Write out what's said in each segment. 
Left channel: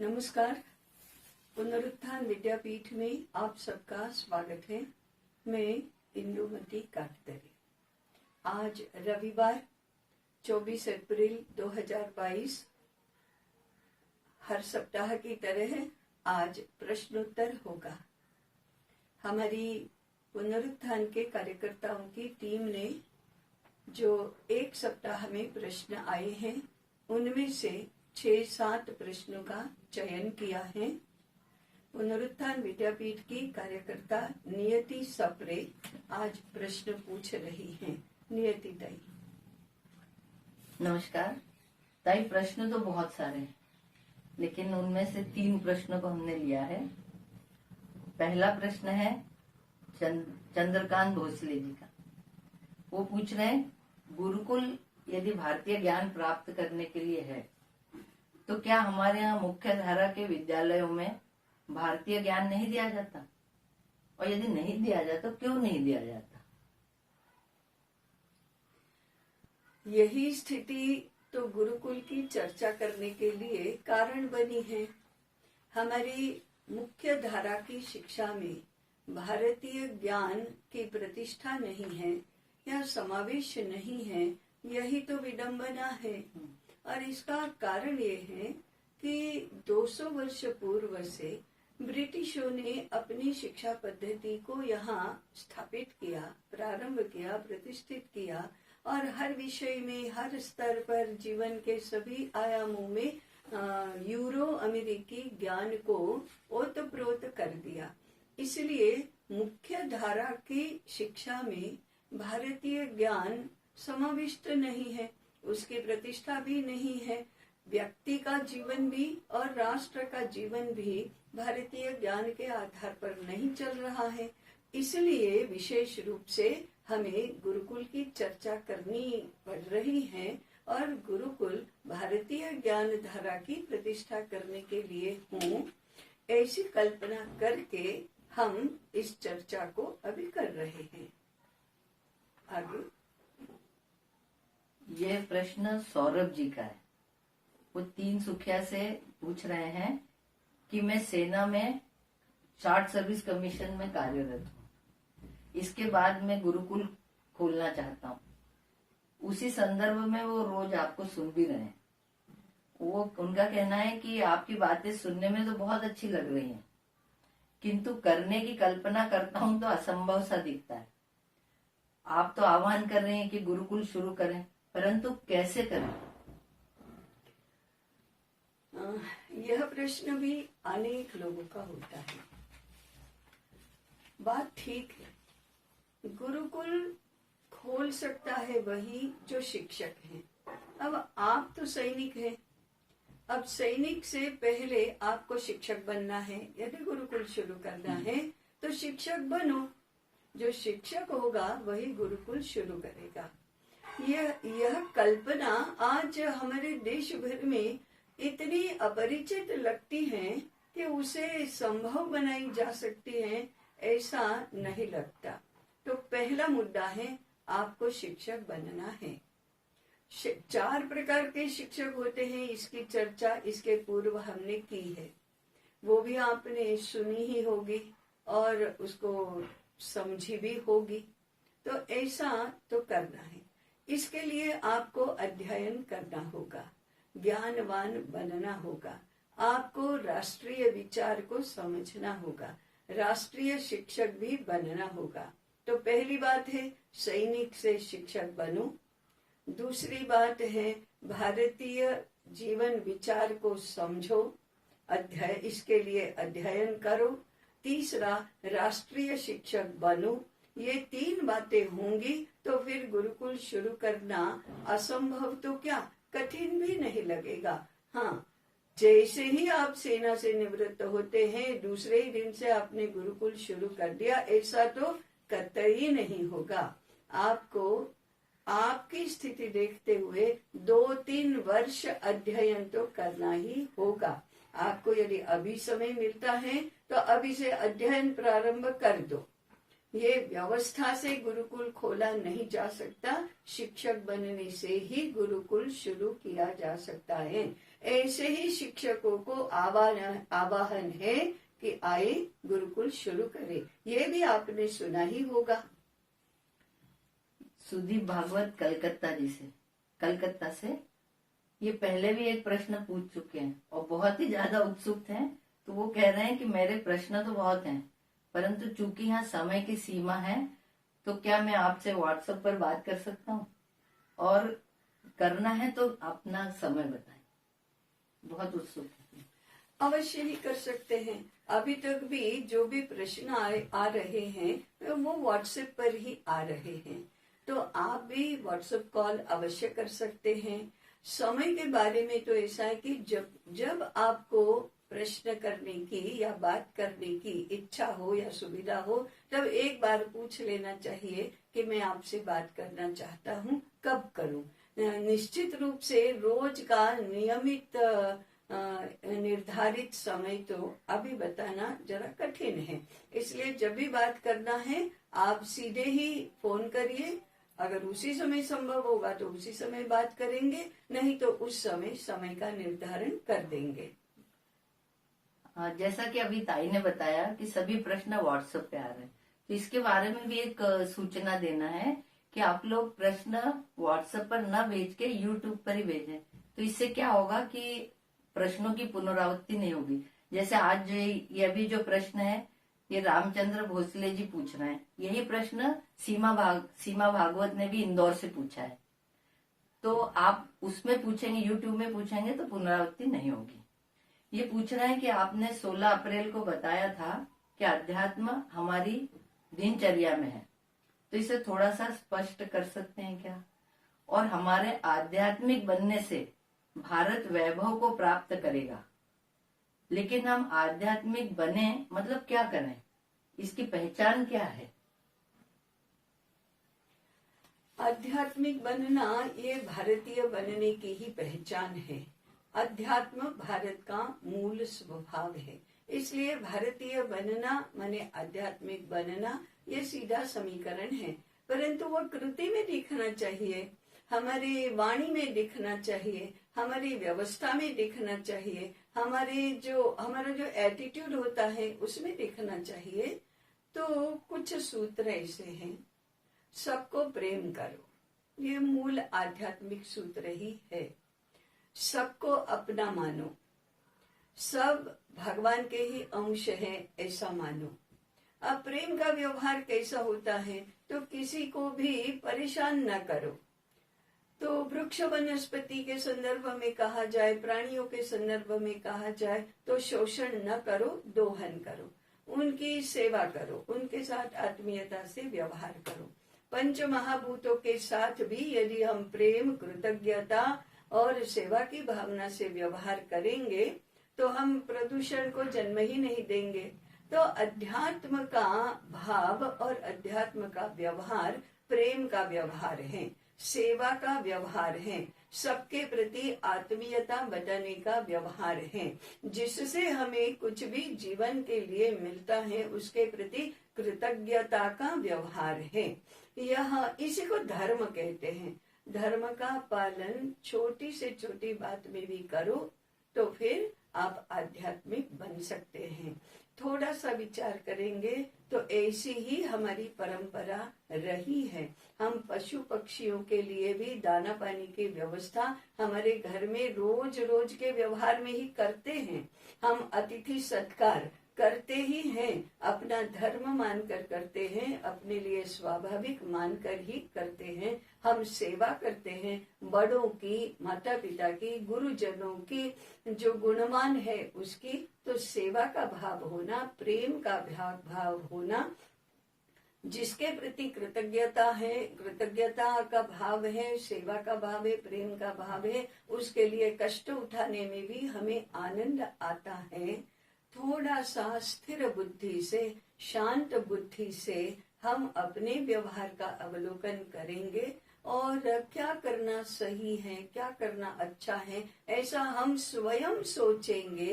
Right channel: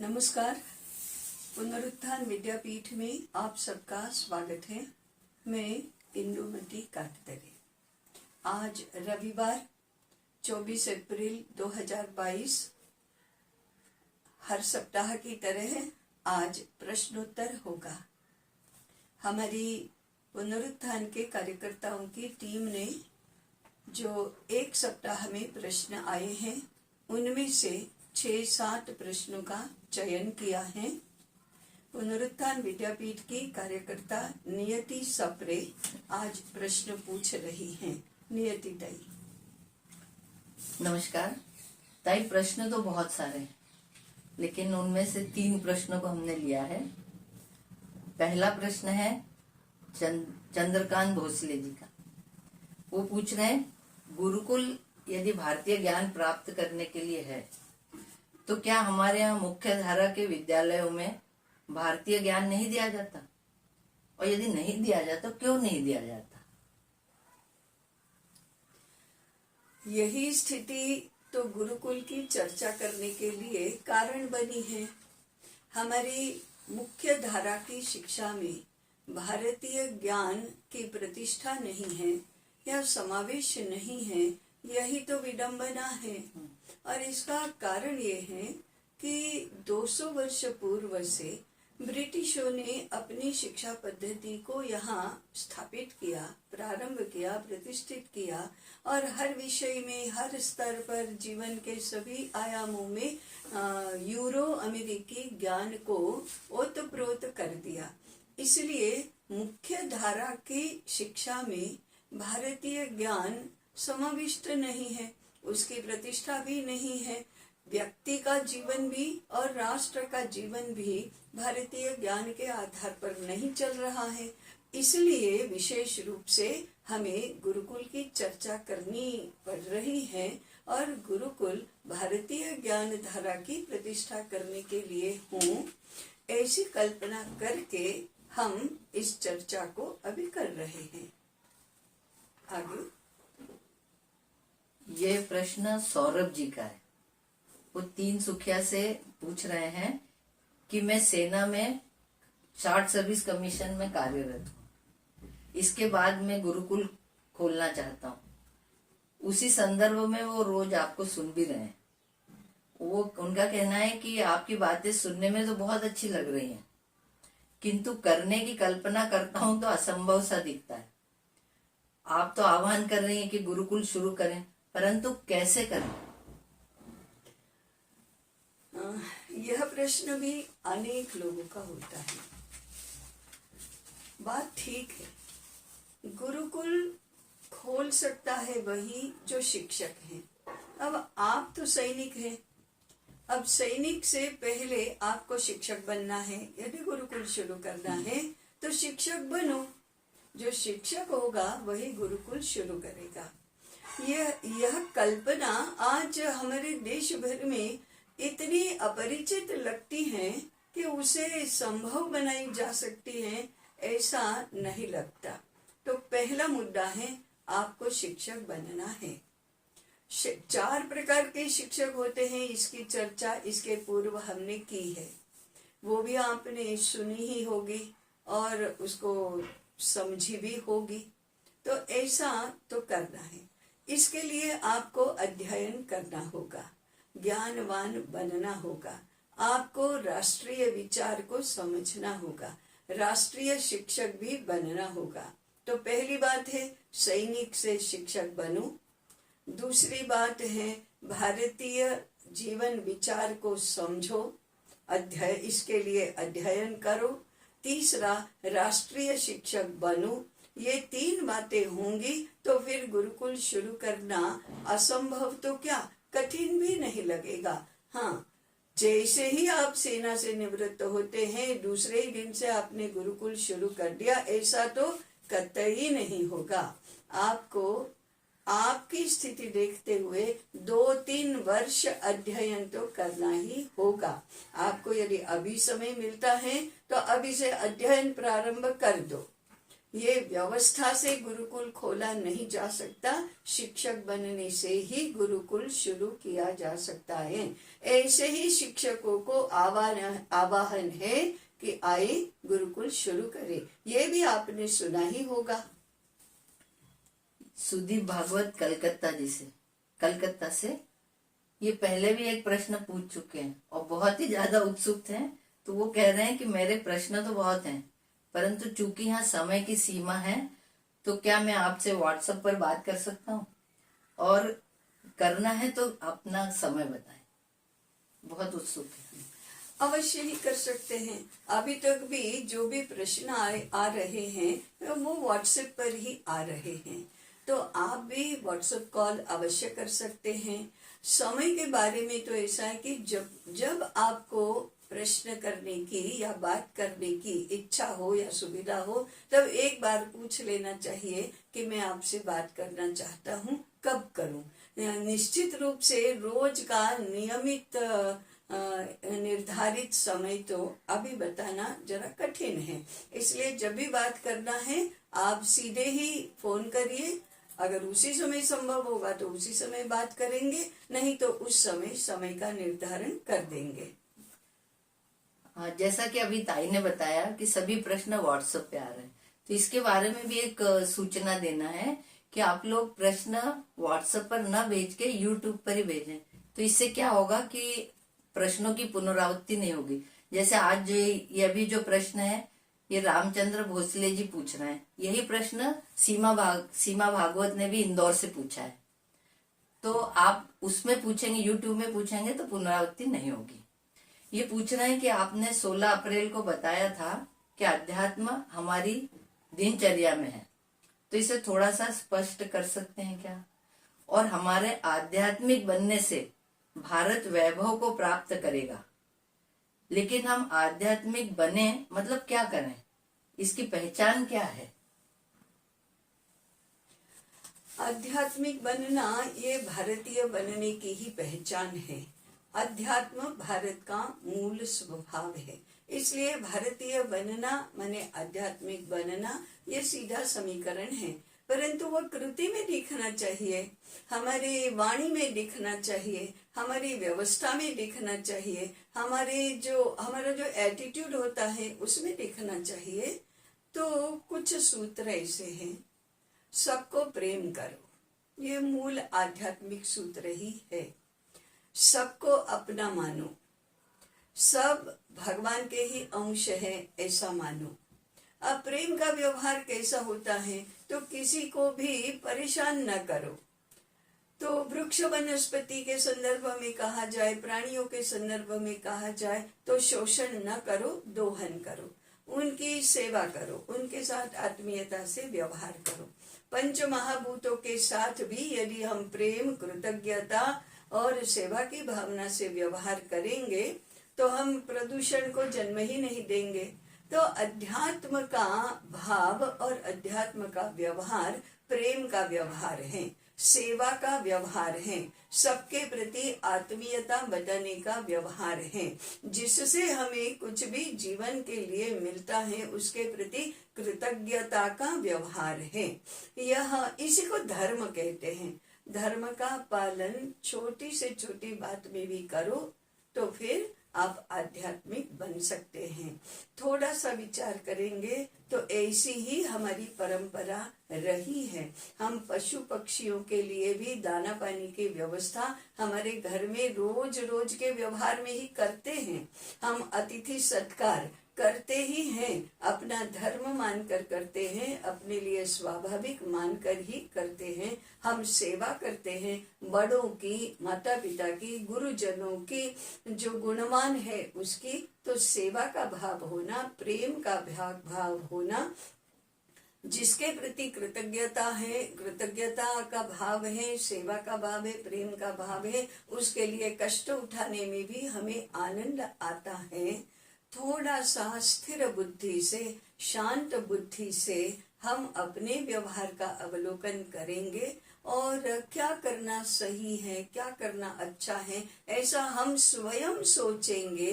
नमस्कार। पुनरुत्थान विद्यापीठ में आप सबका स्वागत है। मैं इंदुमती काकदरे। आज रविवार 24 अप्रैल 2022। हर सप्ताह की तरह आज प्रश्नोत्तर होगा। हमारी पुनरुत्थान के कार्यकर्ताओं की टीम ने जो एक सप्ताह में प्रश्न आए हैं उनमें से 6-7 प्रश्नों का चयन किया है। पुनरुत्थान विद्यापीठ की कार्यकर्ता नियति सप्रे आज प्रश्न पूछ रही हैं। नियति ताई। नमस्कार ताई। प्रश्न तो बहुत सारे हैं, लेकिन उनमें से 3 प्रश्नों को हमने लिया है। पहला प्रश्न है चंद्रकांत भोसले जी का। वो पूछ रहे हैं, गुरुकुल यदि भारतीय ज्ञान प्राप्त करने के लिए है तो क्या हमारे यहाँ मुख्य धारा के विद्यालयों में भारतीय ज्ञान नहीं दिया जाता, और यदि नहीं दिया जाता क्यों नहीं दिया जाता? यही स्थिति तो गुरुकुल की चर्चा करने के लिए कारण बनी है। हमारी मुख्य धारा की शिक्षा में भारतीय ज्ञान की प्रतिष्ठा नहीं है या समावेश नहीं है, यही तो विडंबना है। और इसका कारण ये है कि 200 वर्ष पूर्व से ब्रिटिशों ने अपनी शिक्षा पद्धति को यहाँ स्थापित किया, प्रारंभ किया, प्रतिष्ठित किया, और हर विषय में, हर स्तर पर, जीवन के सभी आयामों में यूरो अमेरिकी ज्ञान को ओतप्रोत कर दिया। इसलिए मुख्य धारा की शिक्षा में भारतीय ज्ञान समाविष्ट नहीं है, उसकी प्रतिष्ठा भी नहीं है। व्यक्ति का जीवन भी और राष्ट्र का जीवन भी भारतीय ज्ञान के आधार पर नहीं चल रहा है। इसलिए विशेष रूप से हमें गुरुकुल की चर्चा करनी पड़ रही है, और गुरुकुल भारतीय ज्ञान धारा की प्रतिष्ठा करने के लिए हूँ, ऐसी कल्पना करके हम इस चर्चा को अभी कर रहे हैं। आगे ये प्रश्न सौरभ जी का है। वो 3 सुखिया से पूछ रहे हैं कि मैं सेना में शार्ट सर्विस कमीशन में कार्यरत हूँ, इसके बाद मैं गुरुकुल खोलना चाहता हूँ। उसी संदर्भ में वो रोज आपको सुन भी रहे हैं। वो उनका कहना है कि आपकी बातें सुनने में तो बहुत अच्छी लग रही हैं, किंतु करने की कल्पना करता हूँ तो असंभव सा दिखता है। आप तो आह्वान कर रही हैं कि गुरुकुल शुरू करें, परंतु कैसे करें? यह प्रश्न भी अनेक लोगों का होता है। बात ठीक है, गुरुकुल खोल सकता है वही जो शिक्षक है। अब आप तो सैनिक हैं, अब सैनिक से पहले आपको शिक्षक बनना है। यदि गुरुकुल शुरू करना है तो शिक्षक बनो। जो शिक्षक होगा वही गुरुकुल शुरू करेगा। यह कल्पना आज हमारे देश भर में इतनी अपरिचित लगती है कि उसे संभव बनाई जा सकती है, ऐसा नहीं लगता। तो पहला मुद्दा है, आपको शिक्षक बनना है। 4 प्रकार के शिक्षक होते हैं, इसकी चर्चा इसके पूर्व हमने की है, वो भी आपने सुनी ही होगी और उसको समझी भी होगी। तो ऐसा तो करना है। इसके लिए आपको अध्ययन करना होगा, ज्ञानवान बनना होगा, आपको राष्ट्रीय विचार को समझना होगा, राष्ट्रीय शिक्षक भी बनना होगा। तो पहली बात है, सैनिक से शिक्षक बनो। दूसरी बात है, भारतीय जीवन विचार को समझो, इसके लिए अध्ययन करो। तीसरा, राष्ट्रीय शिक्षक बनो। ये 3 बातें होंगी तो फिर गुरुकुल शुरू करना असंभव तो क्या, कठिन भी नहीं लगेगा। हाँ, जैसे ही आप सेना से निवृत्त होते हैं, दूसरे ही दिन से आपने गुरुकुल शुरू कर दिया, ऐसा तो कतई नहीं होगा। आपको आपकी स्थिति देखते हुए 2-3 वर्ष अध्ययन तो करना ही होगा। आपको यदि अभी समय मिलता है तो अभी से अध्ययन प्रारंभ कर दो। ये व्यवस्था से गुरुकुल खोला नहीं जा सकता, शिक्षक बनने से ही गुरुकुल शुरू किया जा सकता है। ऐसे ही शिक्षकों को आवाहन है कि आए गुरुकुल शुरू करें। ये भी आपने सुना ही होगा। सुदीप भागवत कलकत्ता से ये पहले भी एक प्रश्न पूछ चुके हैं और बहुत ही ज्यादा उत्सुक हैं। तो वो कह रहे हैं कि मेरे प्रश्न तो बहुत हैं, परंतु चूंकि यहाँ समय की सीमा है, तो क्या मैं आपसे व्हाट्सएप पर बात कर सकता हूँ? और करना है तो अपना समय बताएं। बहुत उत्सुक है। अवश्य ही कर सकते हैं। अभी तक भी जो भी प्रश्न आ रहे हैं वो व्हाट्सएप पर ही आ रहे हैं, तो आप भी व्हाट्सएप कॉल अवश्य कर सकते हैं। समय के बारे में तो ऐसा है कि जब आपको प्रश्न करने की या बात करने की इच्छा हो या सुविधा हो, तब एक बार पूछ लेना चाहिए कि मैं आपसे बात करना चाहता हूँ, कब करूँ। निश्चित रूप से रोज का नियमित निर्धारित समय तो अभी बताना जरा कठिन है, इसलिए जब भी बात करना है आप सीधे ही फोन करिए। अगर उसी समय संभव होगा तो उसी समय बात करेंगे, नहीं तो उस समय का निर्धारण कर देंगे। जैसा कि अभी ताई ने बताया कि सभी प्रश्न व्हाट्सएप पे आ रहे हैं, तो इसके बारे में भी एक सूचना देना है कि आप लोग प्रश्न व्हाट्सएप पर न भेज के यूट्यूब पर ही भेजें। तो इससे क्या होगा कि प्रश्नों की पुनरावृत्ति नहीं होगी। जैसे आज ये अभी जो प्रश्न है ये रामचंद्र भोसले जी पूछ रहे हैं, यही प्रश्न सीमा भागवत ने भी इंदौर से पूछा है। तो आप उसमें पूछेंगे, यूट्यूब में पूछेंगे तो पुनरावृत्ति नहीं होगी। ये पूछ रहे हैं कि आपने 16 अप्रैल को बताया था कि अध्यात्म हमारी दिनचर्या में है, तो इसे थोड़ा सा स्पष्ट कर सकते हैं क्या? और हमारे आध्यात्मिक बनने से भारत वैभव को प्राप्त करेगा, लेकिन हम आध्यात्मिक बने मतलब क्या करें, इसकी पहचान क्या है? आध्यात्मिक बनना ये भारतीय बनने की ही पहचान है। अध्यात्म भारत का मूल स्वभाव है, इसलिए भारतीय बनना माने आध्यात्मिक बनना, ये सीधा समीकरण है। परंतु वह कृति में दिखना चाहिए, हमारी वाणी में दिखना चाहिए, हमारी व्यवस्था में दिखना चाहिए, हमारा जो एटीट्यूड होता है उसमें दिखना चाहिए। तो कुछ सूत्र ऐसे हैं। सबको प्रेम करो, ये मूल आध्यात्मिक सूत्र ही है। सबको अपना मानो, सब भगवान के ही अंश है ऐसा मानो। अब प्रेम का व्यवहार कैसा होता है, तो किसी को भी परेशान न करो। तो वृक्ष वनस्पति के संदर्भ में कहा जाए, प्राणियों के संदर्भ में कहा जाए तो शोषण न करो, दोहन करो, उनकी सेवा करो, उनके साथ आत्मीयता से व्यवहार करो। पंच महाभूतों के साथ भी यदि हम प्रेम, कृतज्ञता और सेवा की भावना से व्यवहार करेंगे तो हम प्रदूषण को जन्म ही नहीं देंगे। तो अध्यात्म का भाव और अध्यात्म का व्यवहार प्रेम का व्यवहार है, सेवा का व्यवहार है, सबके प्रति आत्मीयता बताने का व्यवहार है, जिससे हमें कुछ भी जीवन के लिए मिलता है उसके प्रति कृतज्ञता का व्यवहार है। यह इसी को धर्म कहते हैं। धर्म का पालन छोटी से छोटी बात में भी करो तो फिर आप आध्यात्मिक बन सकते हैं। थोड़ा सा विचार करेंगे तो ऐसी ही हमारी परंपरा रही है। हम पशु पक्षियों के लिए भी दाना पानी की व्यवस्था हमारे घर में रोज रोज के व्यवहार में ही करते हैं। हम अतिथि सत्कार करते ही हैं, अपना धर्म मानकर करते हैं, अपने लिए स्वाभाविक मानकर ही करते हैं। हम सेवा करते हैं बड़ों की, माता पिता की, गुरुजनों की, जो गुणवान है उसकी। तो सेवा का भाव होना, प्रेम का भाव होना, जिसके प्रति कृतज्ञता है, कृतज्ञता का भाव है, सेवा का भाव है, प्रेम का भाव है, उसके लिए कष्ट उठाने में भी हमें आनंद आता है। थोड़ा सा स्थिर बुद्धि से, शांत बुद्धि से हम अपने व्यवहार का अवलोकन करेंगे और क्या करना सही है, क्या करना अच्छा है, ऐसा हम स्वयं सोचेंगे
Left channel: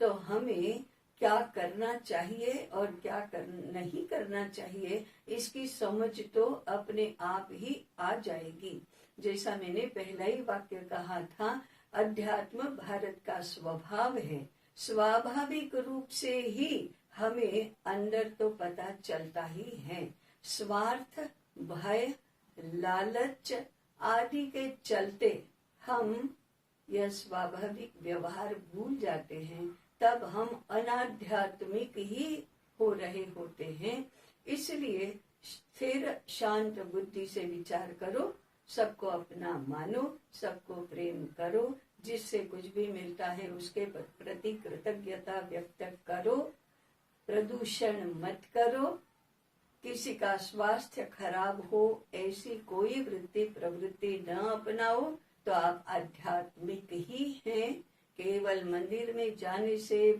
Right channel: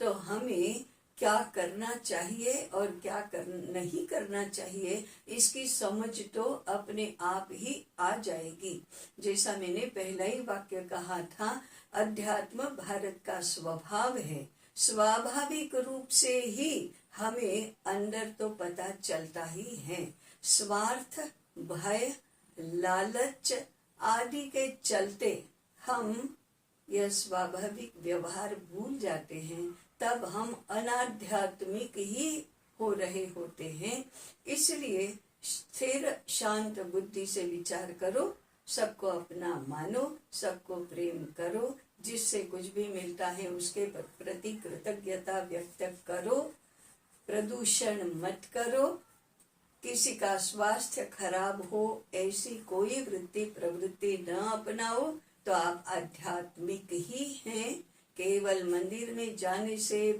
तो हमें क्या करना चाहिए और क्या नहीं करना चाहिए, इसकी समझ तो अपने आप ही आ जाएगी। जैसा मैंने पहला ही वाक्य कहा था, अध्यात्म भारत का स्वभाव है। स्वाभाविक रूप से ही हमें अंदर तो पता चलता ही है। स्वार्थ, भय, लालच आदि के चलते हम यह स्वाभाविक व्यवहार भूल जाते हैं, तब हम अनाध्यात्मिक ही हो रहे होते हैं। इसलिए स्थिर शांत बुद्धि से विचार करो, सबको अपना मानो, सबको प्रेम करो, जिससे कुछ भी मिलता है उसके प्रति कृतज्ञता व्यक्त करो, प्रदूषण मत करो, किसी का स्वास्थ्य खराब हो ऐसी कोई वृत्ति प्रवृत्ति न अपनाओ, तो आप आध्यात्मिक ही हैं। केवल मंदिर में जाने से,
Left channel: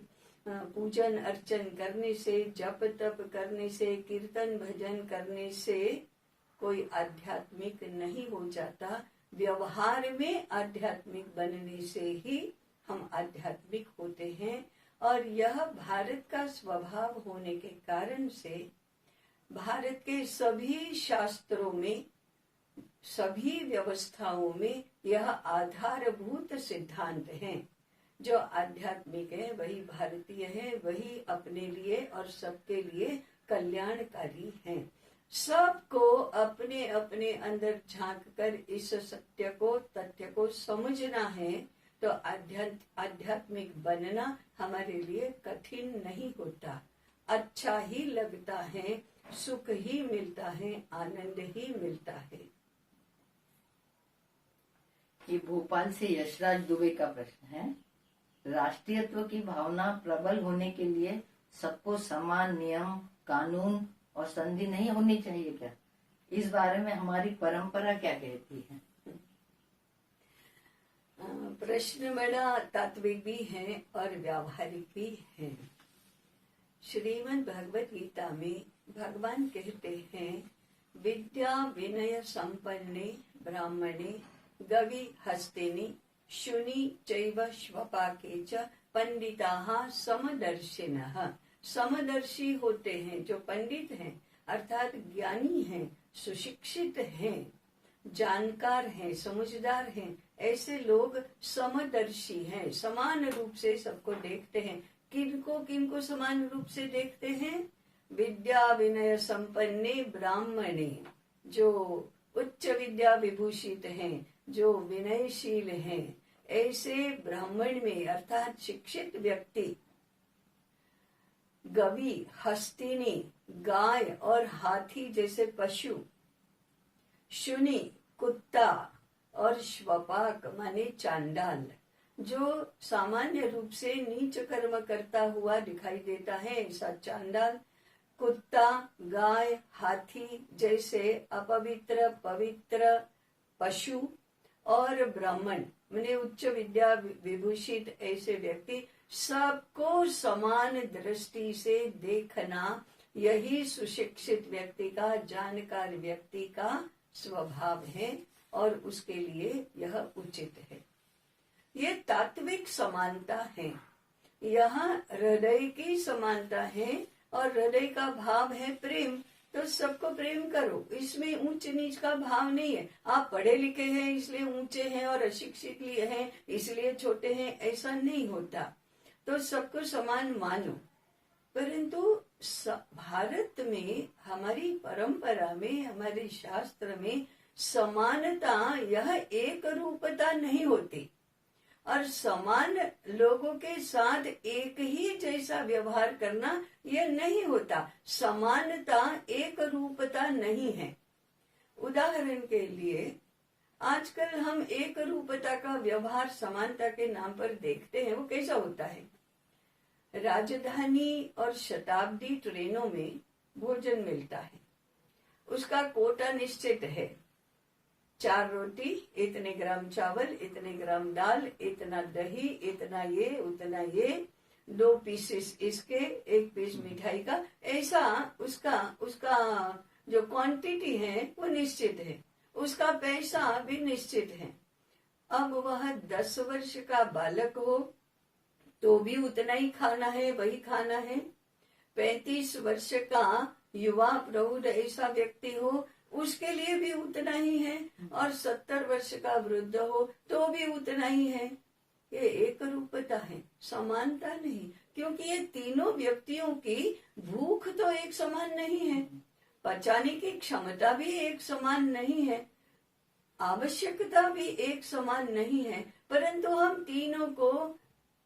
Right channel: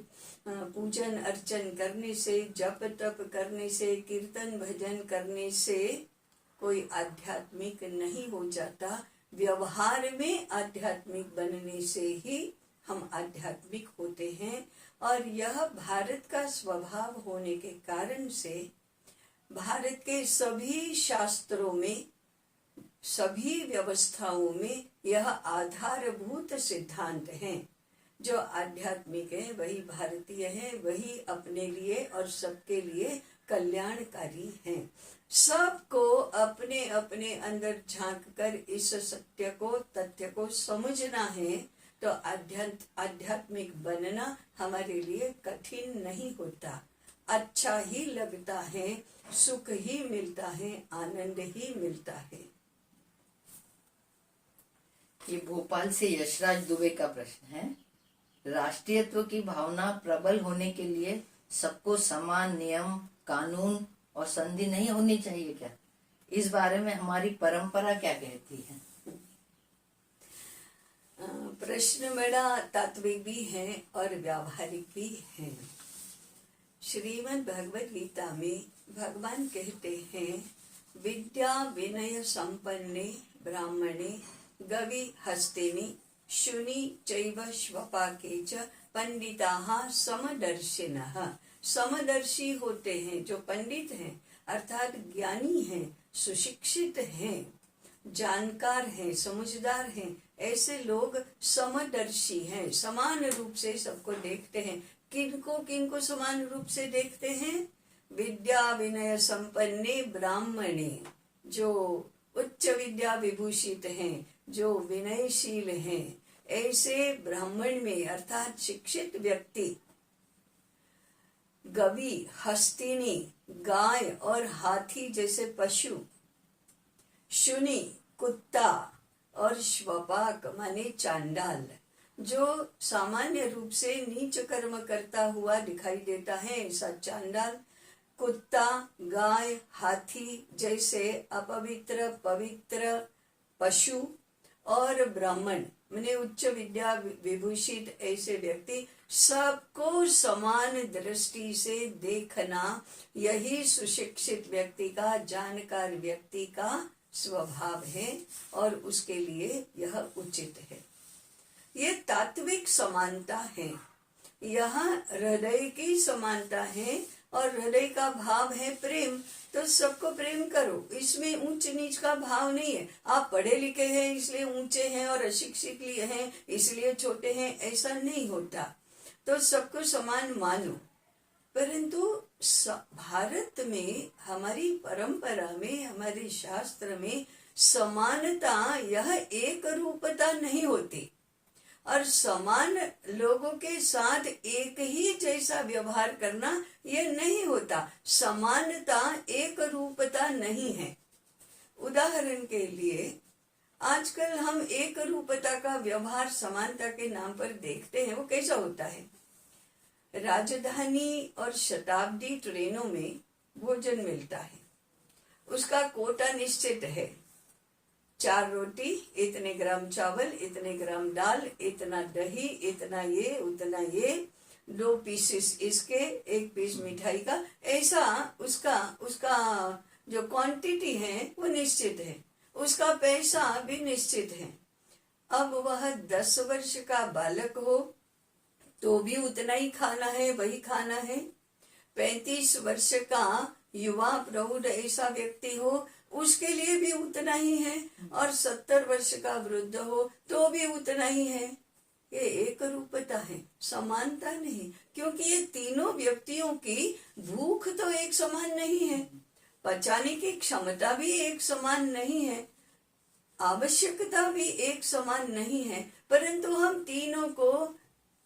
पूजन अर्चन करने से, जप तप करने से, कीर्तन भजन करने से कोई आध्यात्मिक नहीं हो जाता। व्यवहार में आध्यात्मिक बनने से ही हम आध्यात्मिक होते हैं। और यह भारत का स्वभाव होने के कारण से भारत के सभी शास्त्रों में, सभी व्यवस्थाओं में यह आधारभूत सिद्धांत है। जो आध्यात्मिक है वही भारतीय है, वही अपने लिए और सबके लिए कल्याणकारी है। सबको अपने अपने अंदर झांक कर इस सत्य को, तथ्य को समझना है, तो आध्यात्मिक बनना हमारे लिए कठिन नहीं होता, अच्छा ही लगता है, सुख ही मिलता है, आनंद ही मिलता है। ये भोपाल से यशराज दुबे का प्रश्न है। राष्ट्रीयत्व की भावना प्रबल होने के लिए सबको समान नियम, कानून और संधि नहीं होनी चाहिए क्या? इस बारे में हमारी परंपरा क्या कहती है? प्रश्न बड़ा तात्विक भी है और व्यावहारिक भी है। श्रीमद् भगवद गीता में भगवान कहते हैं, विद्या विनय संपन्ने ब्राह्मणे गवि हस्तिनि शुनि चैव श्वपाके च पंडिताः समदर्शिनः। समदर्शी होते हैं जो पंडित हैं, अर्थात ज्ञानी हैं, सुशिक्षित हैं, जानकार हैं, समझदार हैं, ऐसे लोग समदर्शी हैं, समान रूप से सबको देखते हैं। किनको समान रूप से देखते हैं? विद्या विनय संपन्ने ब्राह्मणे, जो उच्च विद्या विभूषित हैं, जो विनयशील हैं, ऐसे ब्राह्मण में अर्थात शिक्षित व्यक्ति गवि, हस्तिनी गाय और हाथी जैसे पशु, शुनि कुत्ता और श्वपाक माने चांडाल, जो सामान्य रूप से नीच कर्म करता हुआ दिखाई देता है, ऐसा चांडाल, कुत्ता, गाय, हाथी जैसे अपवित्र पवित्र पशु और ब्राह्मण माने उच्च विद्या विभूषित ऐसे व्यक्ति, सबको समान दृष्टि से देखना, यही सुशिक्षित व्यक्ति का, जानकार व्यक्ति का स्वभाव है और उसके लिए यह उचित है। ये तात्विक समानता है, यहाँ हृदय की समानता है और हृदय का भाव है प्रेम, तो सबको प्रेम करो। इसमें ऊंच नीच का भाव नहीं है। आप पढ़े लिखे हैं इसलिए ऊंचे हैं और अशिक्षित हैं इसलिए छोटे हैं, ऐसा नहीं होता। तो सबको समान मानो। परंतु भारत में, हमारी परंपरा में, हमारे शास्त्र में समानता यह एक रूपता नहीं होती और समान लोगों के साथ एक ही जैसा व्यवहार करना यह नहीं होता। समानता एक रूपता नहीं है। उदाहरण के लिए आजकल हम एक रूपता का व्यवहार समानता के नाम पर देखते हैं। वो कैसा होता है? राजधानी और शताब्दी ट्रेनों में भोजन मिलता है, उसका कोटा निश्चित है। 4 रोटी, इतने ग्राम चावल, इतने ग्राम दाल, इतना दही, इतना ये, उतना ये, 2 पीसेस इसके, 1 पीस मिठाई का, ऐसा उसका जो क्वांटिटी है वो निश्चित है, उसका पैसा भी निश्चित है। अब वह 10 वर्ष का बालक हो तो भी उतना ही खाना है, वही खाना है। 35 वर्ष का युवा प्रौढ़ ऐसा व्यक्ति हो, उसके लिए भी उतना ही है, और 70 वर्ष का वृद्ध हो तो भी उतना ही है। ये एक रूपता है, समानता नहीं, क्योंकि ये तीनों व्यक्तियों की भूख तो एक समान नहीं है, पचाने की क्षमता भी एक समान नहीं है, आवश्यकता भी एक समान नहीं है, परंतु हम तीनों को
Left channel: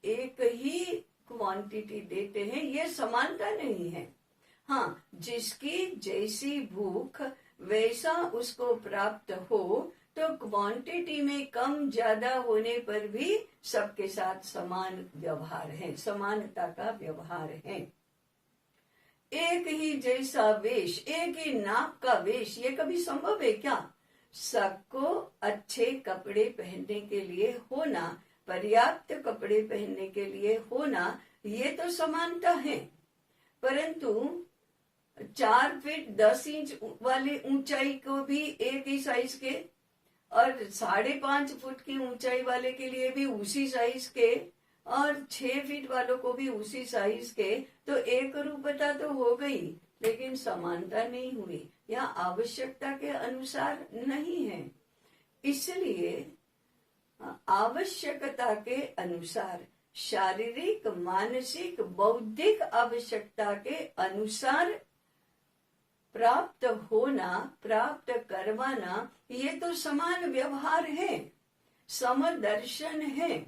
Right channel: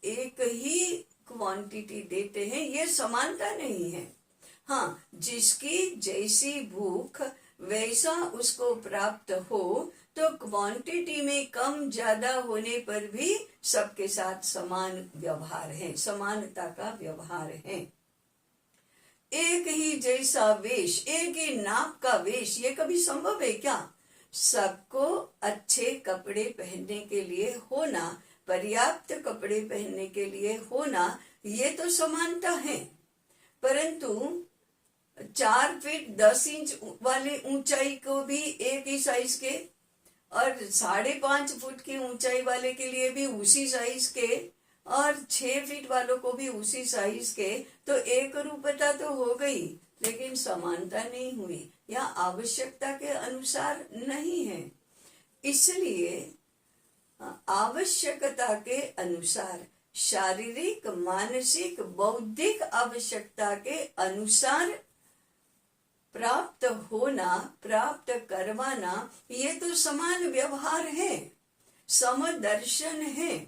एक ही क्वांटिटी देते हैं, ये समानता नहीं है। हाँ, जिसकी जैसी भूख वैसा उसको प्राप्त हो, तो क्वांटिटी में कम ज्यादा होने पर भी सबके साथ समान व्यवहार है, समानता का व्यवहार है। एक ही जैसा वेश, एक ही नाप का वेश, ये कभी संभव है क्या? सबको अच्छे कपड़े पहनने के लिए होना, पर्याप्त कपड़े पहनने के लिए होना, ये तो समानता है। परंतु 4 फीट 10 इंच वाले ऊंचाई को भी एक ही साइज के, और 5.5 फुट की ऊंचाई वाले के लिए भी उसी साइज के, और 6 फीट वालों को भी उसी साइज के, तो एक रूपता तो हो गई, लेकिन समानता नहीं हुई, या आवश्यकता के अनुसार नहीं है। इसलिए आवश्यकता के अनुसार, शारीरिक, मानसिक, बौद्धिक आवश्यकता के अनुसार प्राप्त होना, प्राप्त करवाना, ये तो समान व्यवहार है, समदर्शन है।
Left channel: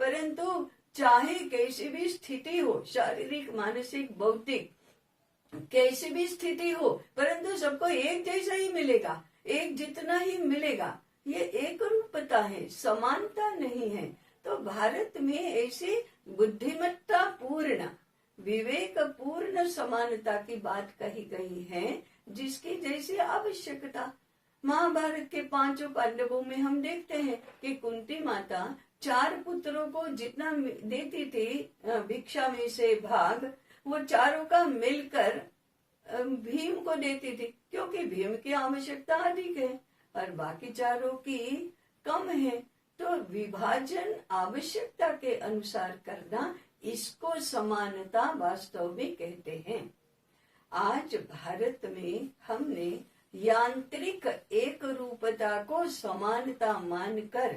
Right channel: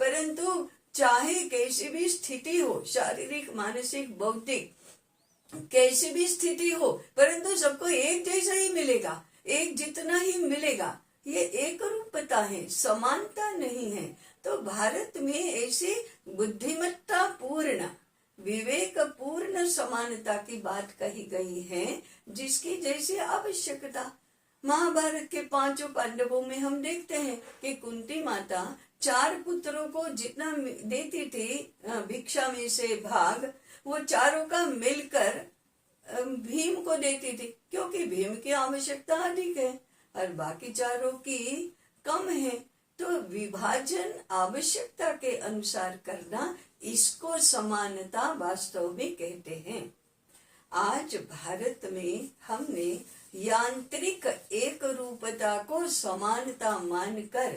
परंतु चाहे कैसी भी स्थिति हो, शारीरिक, मानसिक, बौद्धिक, कैसी भी स्थिति हो, परंतु सबको एक जैसा ही मिलेगा, एक जितना ही मिलेगा, ये एक रूपता है, समानता नहीं है। तो भारत में ऐसी बुद्धिमत्ता पूर्ण, विवेक पूर्ण समानता की बात कही गई है, जिसकी जैसी आवश्यकता। महाभारत के 5 पांडवों में हम देखते हैं कि कुंती माता 4 पुत्रों को जितना देती थी भिक्षा में से भाग, वो चारों का मिलकर भीम को देती थी, क्योंकि भीम की आवश्यकता अधिक है और बाकी चारों की कम है। तो विभाजन आवश्यकता के अनुसार करना, इसको समानता वास्तव में कहते हैं। आज भारत में हमने यांत्रिक एक रूपता को समानता मानकर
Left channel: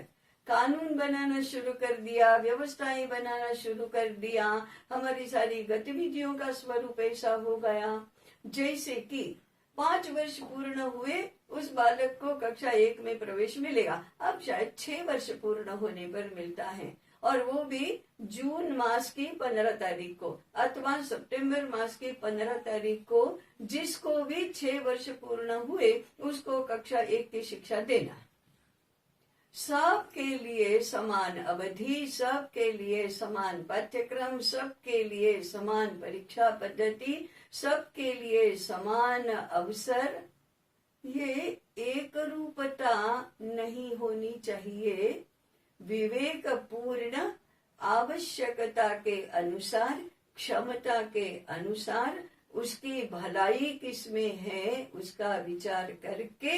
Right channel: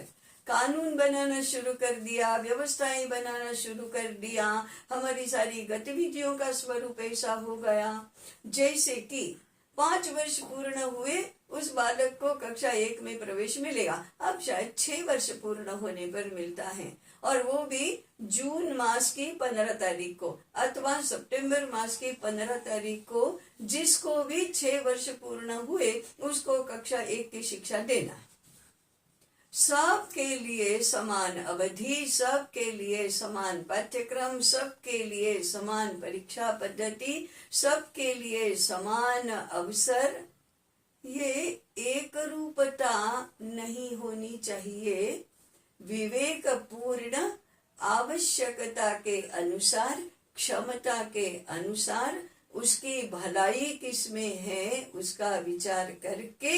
कानून बनाना शुरू कर दिया, व्यवस्थाएं बनाना शुरू कर दिया, हमारी सारी गतिविधियों का स्वरूप ऐसा हो गया जैसे कि 5 वर्ष पूर्ण हुए उस बालक को कक्षा 1 में प्रवेश मिलेगा, अब शायद 6 वर्ष पूर्ण होने पर मिलता है, और वो भी जून मास की 15 तारीख को अथवा सितंबर मास की 15 तारीख को, जिसको भी 6 वर्ष पूर्ण हुए उसको कक्षा 1 की शिक्षा देना। सबके लिए समान अवधि, सबके लिए समान पाठ्यक्रम, सबके लिए समान परीक्षा पद्धति, सबके लिए समान अवसर। ये एक रूपता नहीं होनी चाहिए। विवेक पूर्ण आवश्यकता के अनुसार, क्षमता के अनुसार, उसकी भलाई किसमें है उसका विचार करके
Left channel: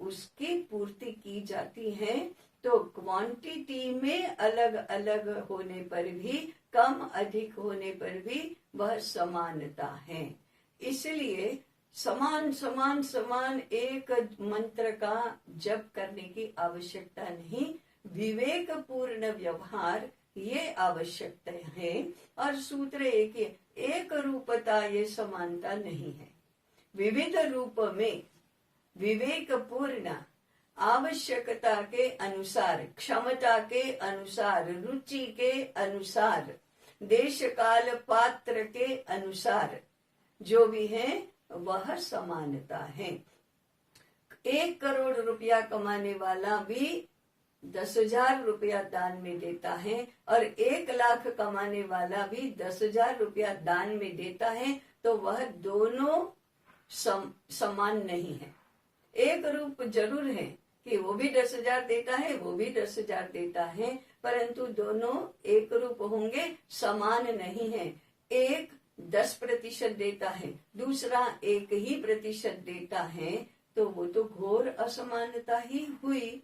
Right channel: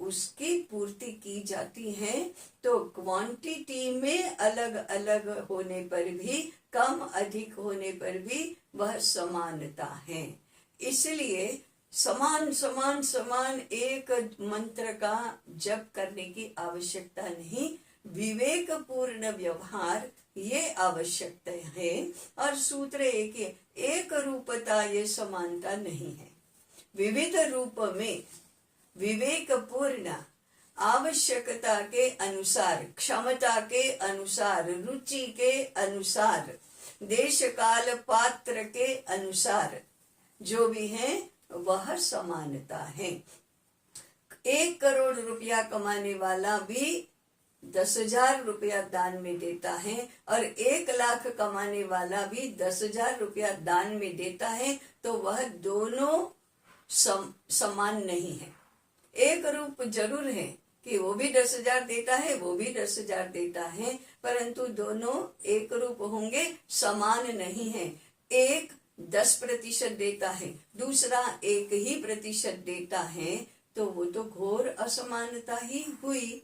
उसकी पूर्ति की जाती है। तो क्वांटिटी में अलग अलग होने पर भी, कम अधिक होने पर भी वह समानता है। इसलिए समान समान समान एक मंत्र का जप करने की आवश्यकता नहीं, विवेक पूर्ण व्यवहार ये आवश्यकता है। और सूत्र एक रूपता, ये समानता नहीं है। विविध रूप में विवेक पूर्ण आवश्यकता के अनुसार, क्षमता के अनुसार, रुचि के अनुसार, देश काल पात्र के अनुसार जो भी है वह समानता है। 1 करोड़ रुपया कमाने वाला भी 10,000 रुपया दान में देता है, और 1 लाख कमाने वाला भी 10,000 रुपया दान में देता है, तो वह दोनों समान नहीं है। एक रूप जरूर है कि वो भी 10,000 देता है, वो भी 10,000 देता है, परंतु दोनों एक रूप होंगे, समान नहीं है। एक 10% देता है, दूसरा 1% देता है, तो वो तो घोर असमानता ही हुई।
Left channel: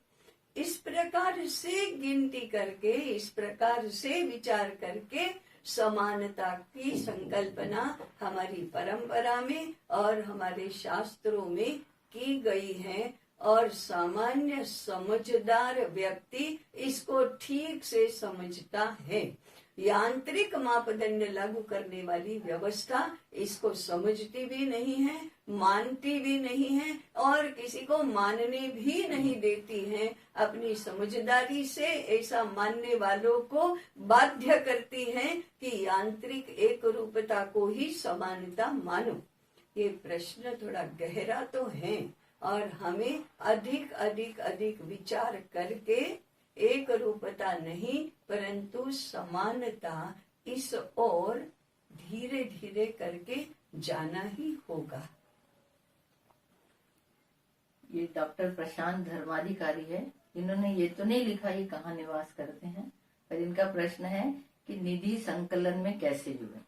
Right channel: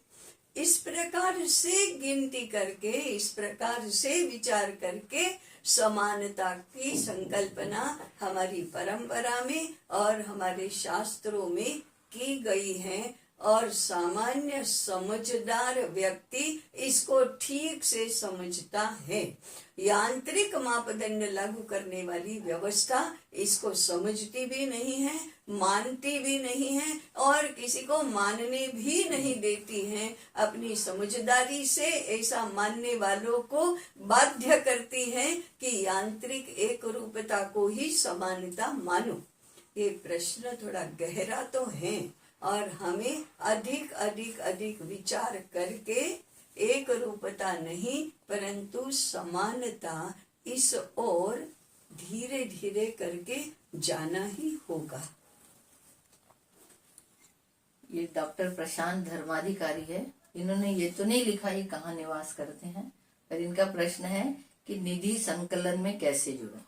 इस प्रकार से गिनती करके, इस प्रकार से विचार करके समानता की संकल्पना हमारी परंपरा में और हमारे शास्त्रों में की गई है। और सामान्य समझदार व्यक्ति इसको ठीक से समझता है। यांत्रिक मापदंड लागू करने वाली व्यवस्था इसको समझती भी नहीं है, मानती भी नहीं है और किसी को मानने भी नहीं देती है। अपनी समझदारी से ऐसा मानने वालों को बाध्य करती है कि यांत्रिक एक रूपता को ही समानता मानो। ये प्रश्न थोड़ा गहरा तो है और हमें अधिक अधिक अधिक विचार करके एक रूपता नहीं परंतु समानता इस ओर धीरे धीरे करके जाना ही होगा। ये डॉक्टर प्रशांत धर्माधिकारी है। इन्होंने ये तो नहीं लिखा ये कहाँ निवास करते हैं, पर इनका प्रश्न है कि निधि संकलन में कैसे जुड़े।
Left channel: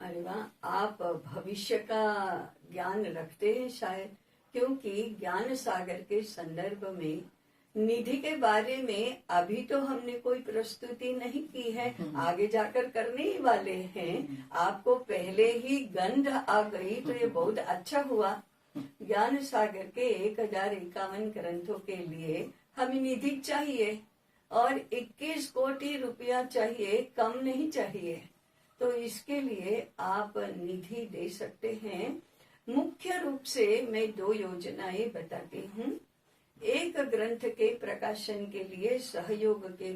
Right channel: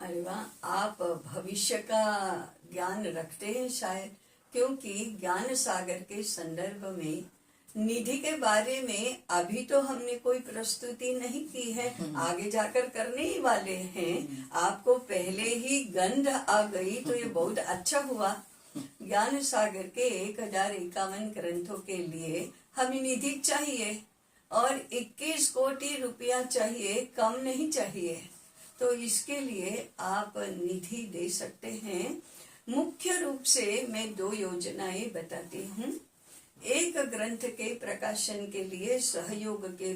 अरे वाह, आप भविष्य का ज्ञान रखते हैं शायद, क्योंकि ज्ञान सागर के संदर्भ में निधि के बारे में अभी तो हमने कोई प्रस्तुति नहीं की है, आगे जाकर करने ही वाले हैं। आपको पहले ही गंध आ गई तो ये बहुत अच्छा हुआ। ज्ञान सागर के 1051 ग्रंथों के लिए हमें निधि चाहिए और 21 कोटि रुपया चाहिए, कम नहीं चाहिए। तो इसके लिए आप निधि दे सकते हैं। मुख्य रूप से मैं 2 योजनाएं बताती हूँ। एक ग्रंथ के प्रकाशन के लिए सहयोग के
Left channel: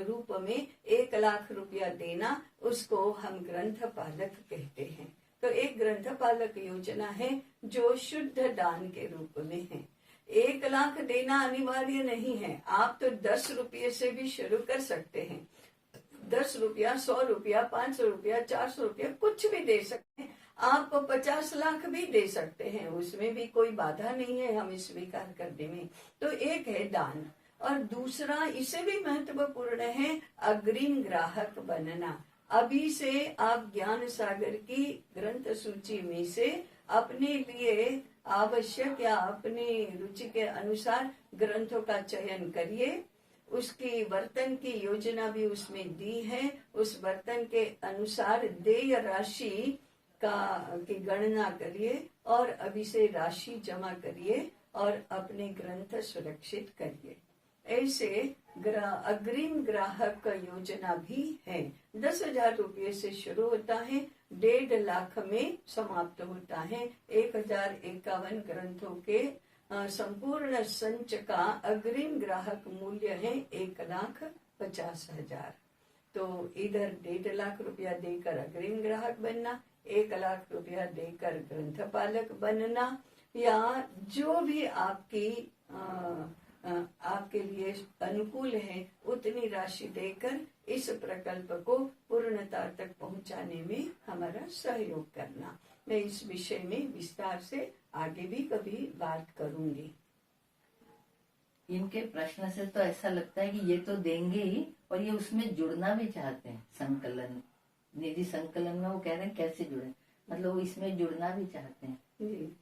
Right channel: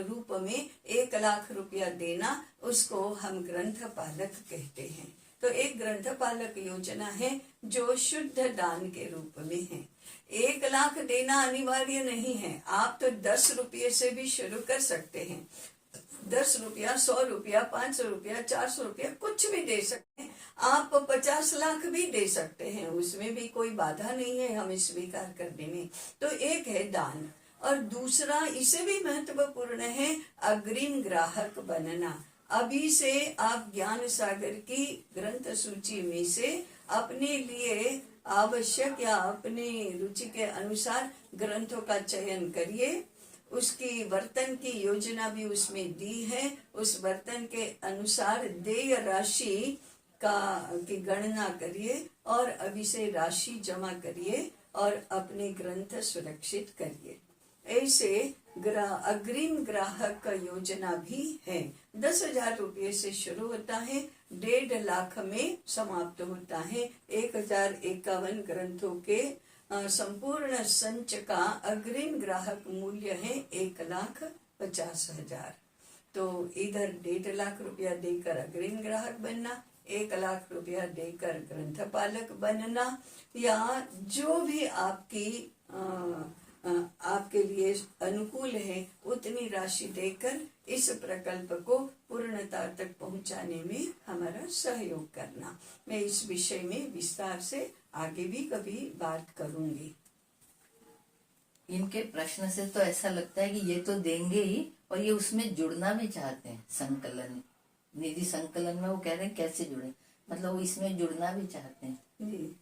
रूप में 1 लाख रुपया देना, उसको हम ग्रंथ पालक कहते हैं। तो एक ग्रंथ पालक योजना है जो शुद्ध दान के रूप में है। 1 लाख देना अनिवार्य नहीं है, आप तो 10 रुपये से भी शुरू कर सकते हैं। 10 रुपया, 100 रुपया, 500 रुपया, 400 रुपया, कुछ भी दे सकते हैं। आप 50 लाख भी दे सकते हैं, उसमें भी कोई बाधा नहीं है हमें स्वीकार करने में। तो एक है दान और दूसरा इससे भी महत्वपूर्ण है अग्रिम ग्राहक बनना। अभी से आप ज्ञान सागर की ग्रंथ सूची में से अपने लिए आवश्यक या अपने रुचि के अनुसार ग्रंथों का चयन करिए। उसकी वर्तन की योजना भी उसमें दी है। उस वर्तन के अनुसार देय राशि की गणना करिए और अभी से राशि जमा करिए और अपने ग्रंथ सुरक्षित करिए। ऐसे अग्रिम ग्राहक योजना भी है। 10,000 रुपये से शुरू होता है, 1.5 लाख में समाप्त होता है। 1051 ग्रंथों के संपूर्ण संच का अग्रिम ग्राहक मूल्य है 1,50,000। तो इधर 1.5 लाख रुपया देकर अग्रिम ग्राहक बनना, 1 लाख रुपया देकर ग्रंथपालक बनना, या जो भी आपके लिए अनुकूल है उतनी राशि देकर इस प्रकल्प को पूर्णता तक पहुंचाने में हमारा सहयोग करना। मैं इस विषय में विस्तार से आगे भी कभी बात करूंगी। इनके प्रश्न से तो ऐसा लगता है कि ये तो देंगे ही और ये उसमें जुड़ना भी चाहते हैं। संकलन, निधि संकलन में वो कह रहे हैं कैसे जुड़े, मतलब वो इसमें जुड़ना भी चाहते हैं जी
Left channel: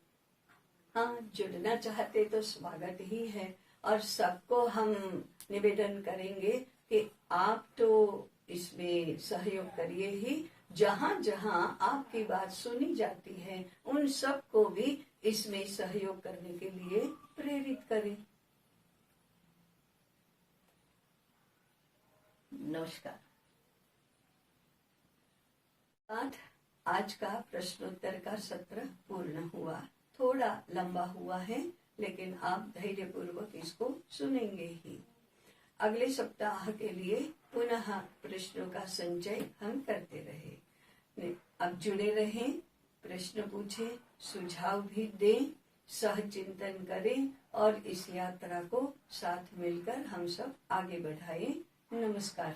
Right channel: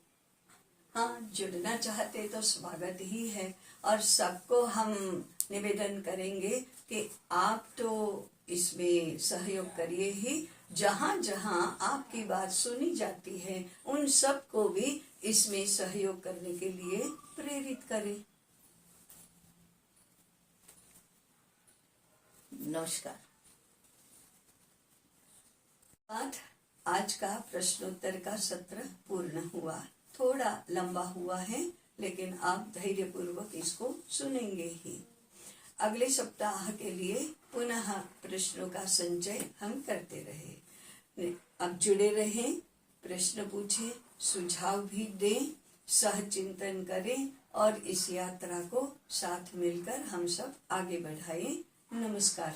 हाँ, जुड़ना चाहते तो स्वागत ही है। और सबको हम निवेदन करेंगे कि आप तो इसमें सहयोग करिए ही। जहाँ जहाँ आपकी बात सुनी जाती है उन सबको भी इसमें सहयोग करने के लिए प्रेरित करें। नमस्कार। आज का प्रश्नोत्तर का सत्र पूर्ण हुआ। थोड़ा लंबा हुआ है लेकिन आप धैर्य पूर्वक इसको सुनेंगे ही। अगले सप्ताह के लिए पुनः प्रश्नों का संचय हम करते रहे। अब जुड़े रहें, प्रश्न पूछें, सुझाव भी दें, सह चिंतन करें और इस यात्रा को साथ मिलकर हम सब आगे बढ़ाएं। नमस्कार।